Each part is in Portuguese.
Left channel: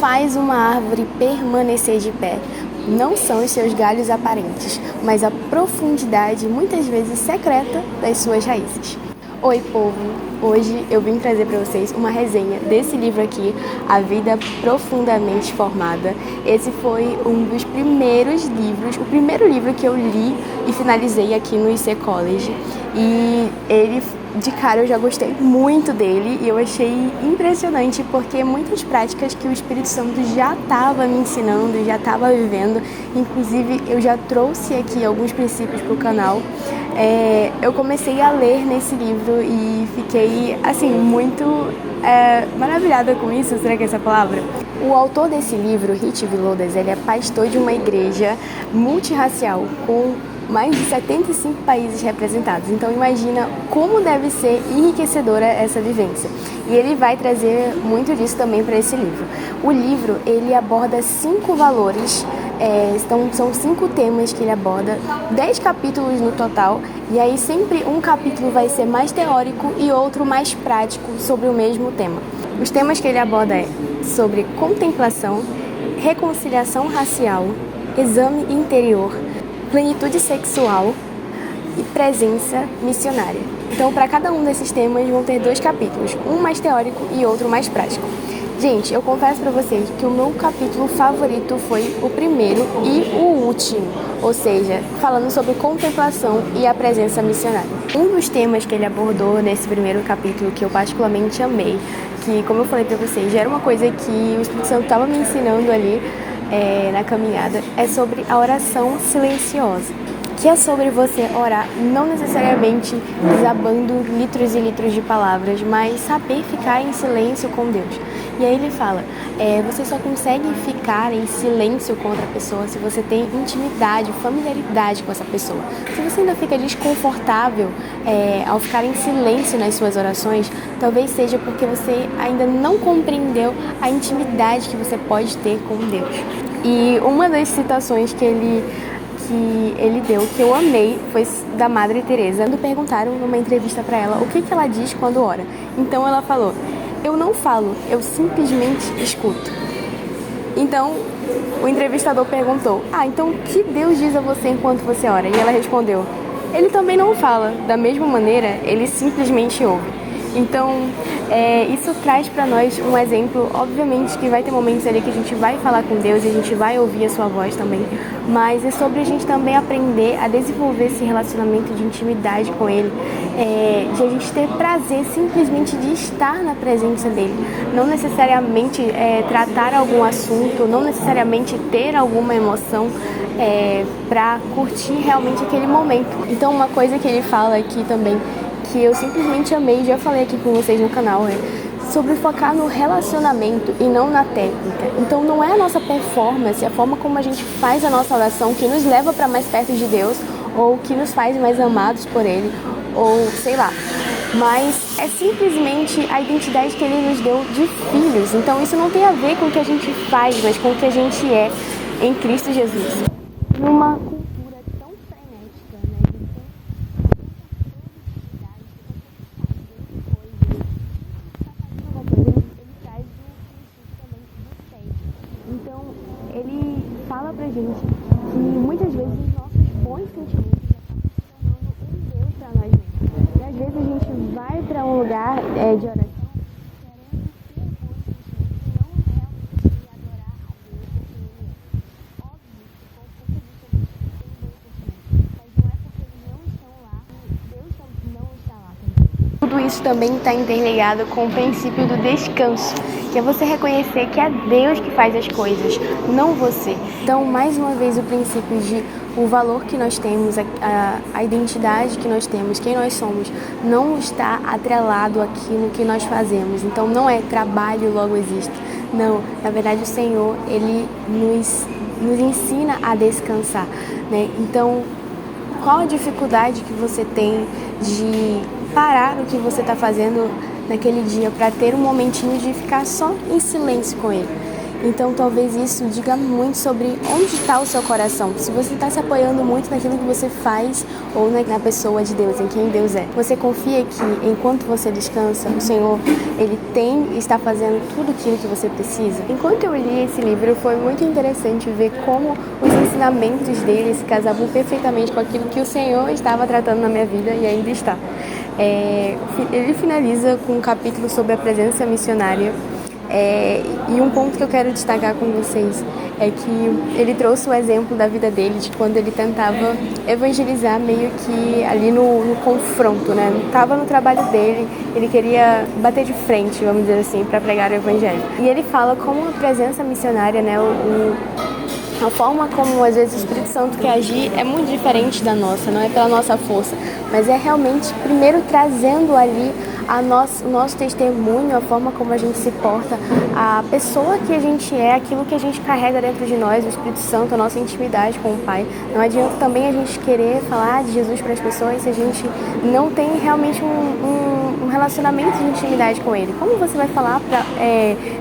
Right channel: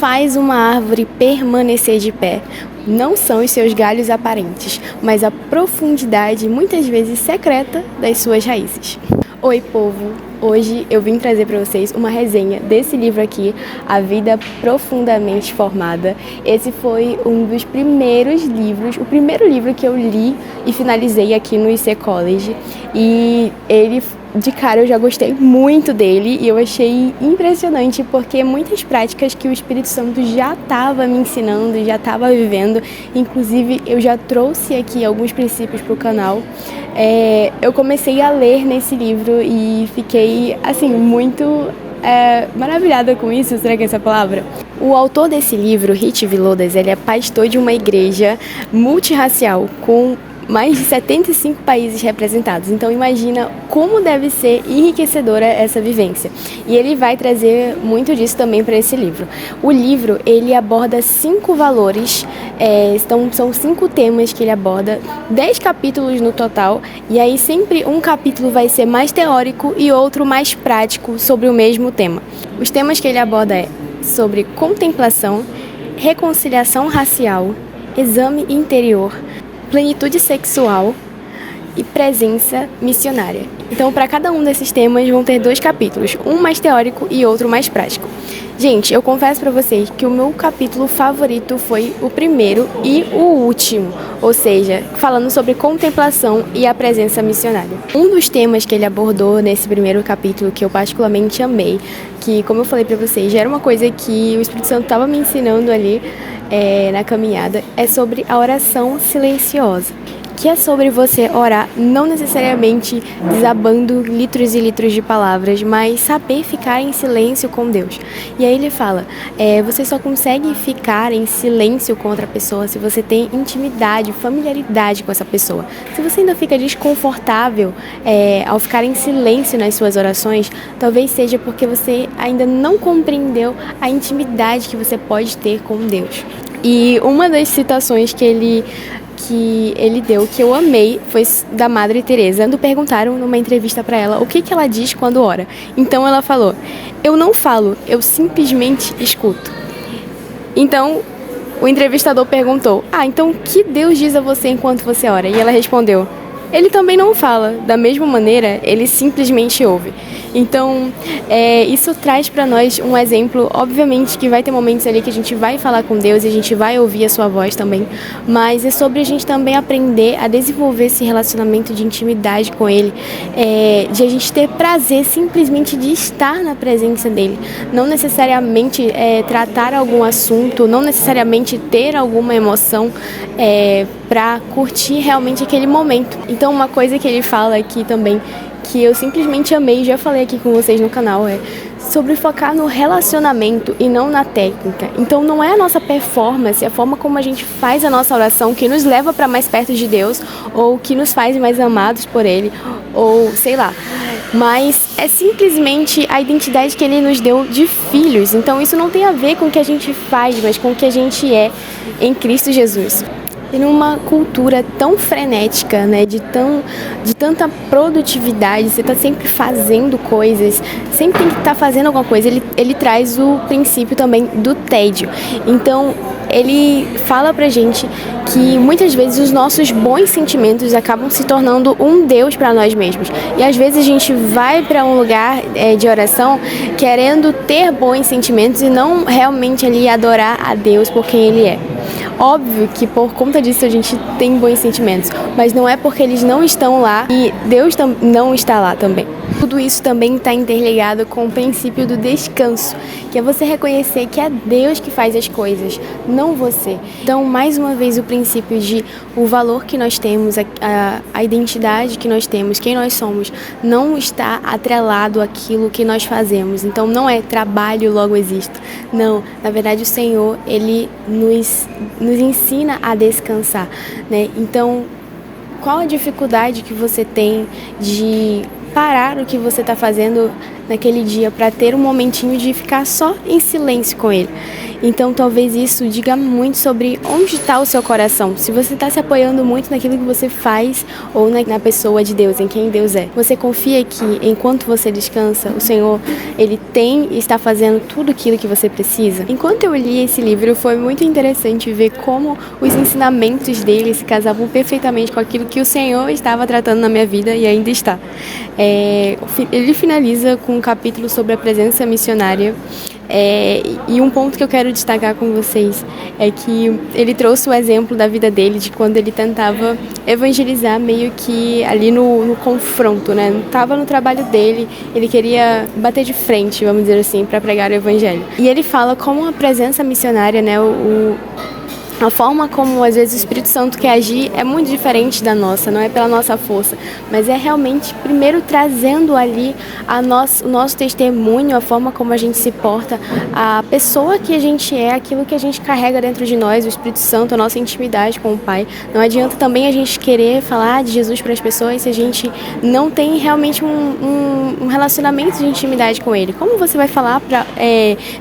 faz uma árvore permanecer de pé não são os seus galhos aparentes, mas a profundidade, muitas vezes secreta, das suas raízes. Oi, povo! Hoje eu vim trazer para vocês uma resenha desse livro aqui, A Vida Profundamente Formada. Esse foi um dos primeiros livros, o primeiro livro que eu li e finalizei aqui no IC College. E ele, de cara, eu já gostei muito dele e eu achei impressionante porque muitas práticas que o Espírito Santo já estava me ensinando, já estava vivendo, inclusive eu já trouxe aqui alguns princípios para o canal. Eu comecei a ler nesse livro e fiquei, assim, muito maravilhada com isso, será que é essa a palavra? O autor desse livro, Rich Villodas, ele é pastor de uma igreja multirracial com mais de 75 países representados. Então imagina como deve ser enriquecedora essa vivência. E ele vai trazer muito disso também para esse livro. O livro, ele aborda 5 valores, são 5 temas que ele aborda, 10 capítulos no total, e aí sempre um capítulo vai ser mais teórico e outro mais prático sobre o mesmo tema. Os temas que ele aborda sobre contemplação, reconciliação racial, exame interior, plenitude sexual e presença missionária. Então, para cada um desses temas vão ter 2 capítulos, um mais teórico e outro mais prático. Gente, eu confesso para vocês que o meu capítulo favorito foi o primeiro e o último, ou seja, falando sobre contemplação e a presença missionária. Um dos temas que ele abordou nesse primeiro capítulo, que eu particularmente amei, que, como eu falei para vocês, já era uma coisa que o Espírito Santo estava me ensinando ali na caminhada, é sobre a oração silenciosa, que é sobre você orar não necessariamente desabando litros e litros de palavras, mas saber ficar em silêncio com Deus. E aí ele fala, você só consegue ficar em silêncio com outra pessoa se você tem intimidade, familiaridade com essa pessoa. Se você ainda fica desconfortável ao ficar em silêncio nas suas orações, talvez seja porque você ainda não compreendeu a intimidade que você pode ter com Deus. E uma das citações que ele deu, que eu amei, foi da Madre Teresa. Quando perguntaram numa entrevista para ela o que ela diz quando ora. Então ela falou, eu não falo, eu simplesmente escuto. Então o entrevistador perguntou, então o que Deus diz a você enquanto você ora? E ela respondeu, ele também não fala, da mesma maneira, ele simplesmente ouve. Então, isso traz para nós um exemplo, obviamente que vai ter momentos ali que a gente vai falar com Deus e a gente vai ouvir a sua voz também, mas é sobre a gente também aprender a desenvolver esse relacionamento de intimidade com Ele, de a gente ter prazer simplesmente de estar na presença dEle, não necessariamente tratar algum assunto, não necessariamente ter alguma emoção para curtir realmente aquele momento. Então, uma coisa que ele fala aqui também, que eu simplesmente amei, já falei aqui com vocês no canal, sobre focar no relacionamento e não na técnica. Então não é a nossa performance, a forma como a gente faz a nossa oração que nos leva para mais perto de Deus, ou que nos faz mais amados por Ele, ou sei lá, mas é simplesmente a identidade que Ele nos deu de filhos. Então isso não tem a ver com o que a gente faz, mas com o que a gente é em Cristo Jesus. E numa cultura tão frenética, né, de tanta produtividade, você tá sempre fazendo coisas, sempre tem que estar fazendo alguma coisa, ele traz o princípio também do tédio. Então, ele fala pra gente que muitas vezes os nossos bons sentimentos acabam se tornando um Deus para nós mesmos. E às vezes a gente vai para um lugar de oração querendo ter bons sentimentos e não realmente ali adorar a Deus por quem Ele é. Óbvio que por conta disso a gente tem bons sentimentos, mas não é porque eles não estão lá e Deus não está lá também. Tudo isso também está interligado com o princípio do descanso, que é você reconhecer que é Deus que faz as coisas, não você. Então, mais uma vez, o princípio de o valor que nós temos, a identidade que nós temos, quem nós somos, não está atrelado àquilo que nós fazemos. Então, não é trabalho, logo existo. Não, na verdade, o Senhor, Ele nos ensina a descansar, né? Então, qual a dificuldade que você tem de parar o que você está fazendo naquele dia para ter um momentinho de ficar só em silêncio com Ele. Então talvez isso diga muito sobre onde está o seu coração. Se você está se apoiando muito naquilo que você faz ou na pessoa de Deus, em quem Deus é. Você confia que enquanto você descansa, o Senhor, Ele tem e está fazendo tudo aquilo que você precisa? Enquanto eu li esse livro, foi muito interessante ver como os ensinamentos dele se casavam perfeitamente com aquilo que o Senhor estava tratando na minha vida e ainda está. Ele finaliza com um capítulo sobre a presença missionária. E um ponto que eu quero destacar com vocês é que ele trouxe o exemplo da vida dele, de quando ele tentava evangelizar meio que ali no confronto, né? Estava no trabalho dele, ele queria bater de frente, vamos dizer assim, para pregar o evangelho. E ele fala como a presença missionária, né? A forma como às vezes o Espírito Santo quer agir é muito diferente da nossa, não é pela nossa força, mas é realmente primeiro trazendo ali o nosso testemunho, a forma como a gente se porta, a pessoa que a gente é, aquilo que a gente carrega dentro de nós, o Espírito Santo, a nossa intimidade com o Pai. Não adianta também a gente querer falar de Jesus para as pessoas se a gente não tem realmente um relacionamento de intimidade com Ele. Como você vai falar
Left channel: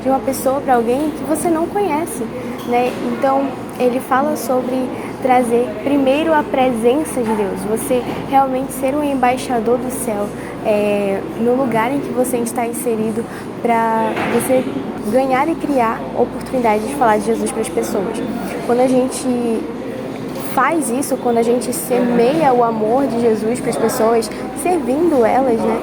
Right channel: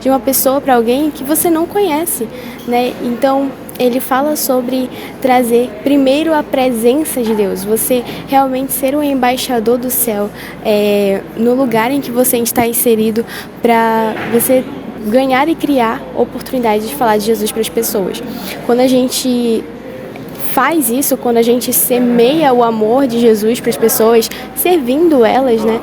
de uma pessoa para alguém que você não conhece, né? Então, ele fala sobre trazer primeiro a presença de Deus, você realmente ser um embaixador do céu no lugar em que você está inserido, para você ganhar e criar oportunidade de falar de Jesus para as pessoas. Quando a gente faz isso, quando a gente semeia o amor de Jesus para as pessoas, servindo elas, né,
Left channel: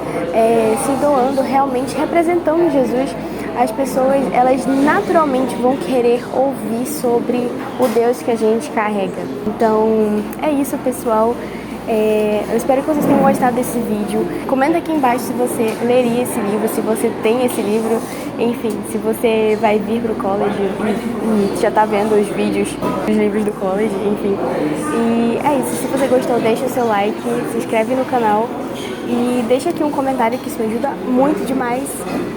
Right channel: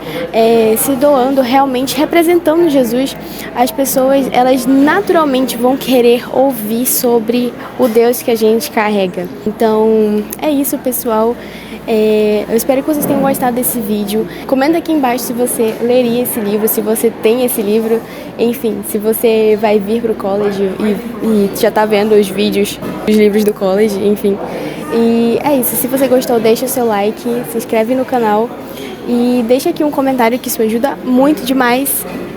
se doando, realmente representando Jesus, as pessoas, elas naturalmente vão querer ouvir sobre o Deus que a gente carrega. Então, é isso, pessoal. Eu espero que vocês tenham gostado desse vídeo. Comenta aqui embaixo se você leria esse livro, se você tem esse livro, enfim, se você vai vir pro college e já tá vendo os vídeos dos livros do college, enfim. E é isso, se você gostou, deixa o seu like, se inscreve no canal e deixa aqui um comentário que isso me ajuda muito demais.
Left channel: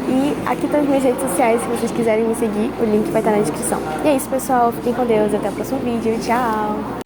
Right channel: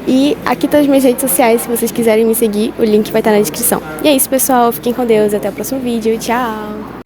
E aqui estão as minhas redes sociais, se vocês quiserem me seguir, o link vai estar na descrição. E é isso, pessoal, fiquem com Deus, até o próximo vídeo, tchau!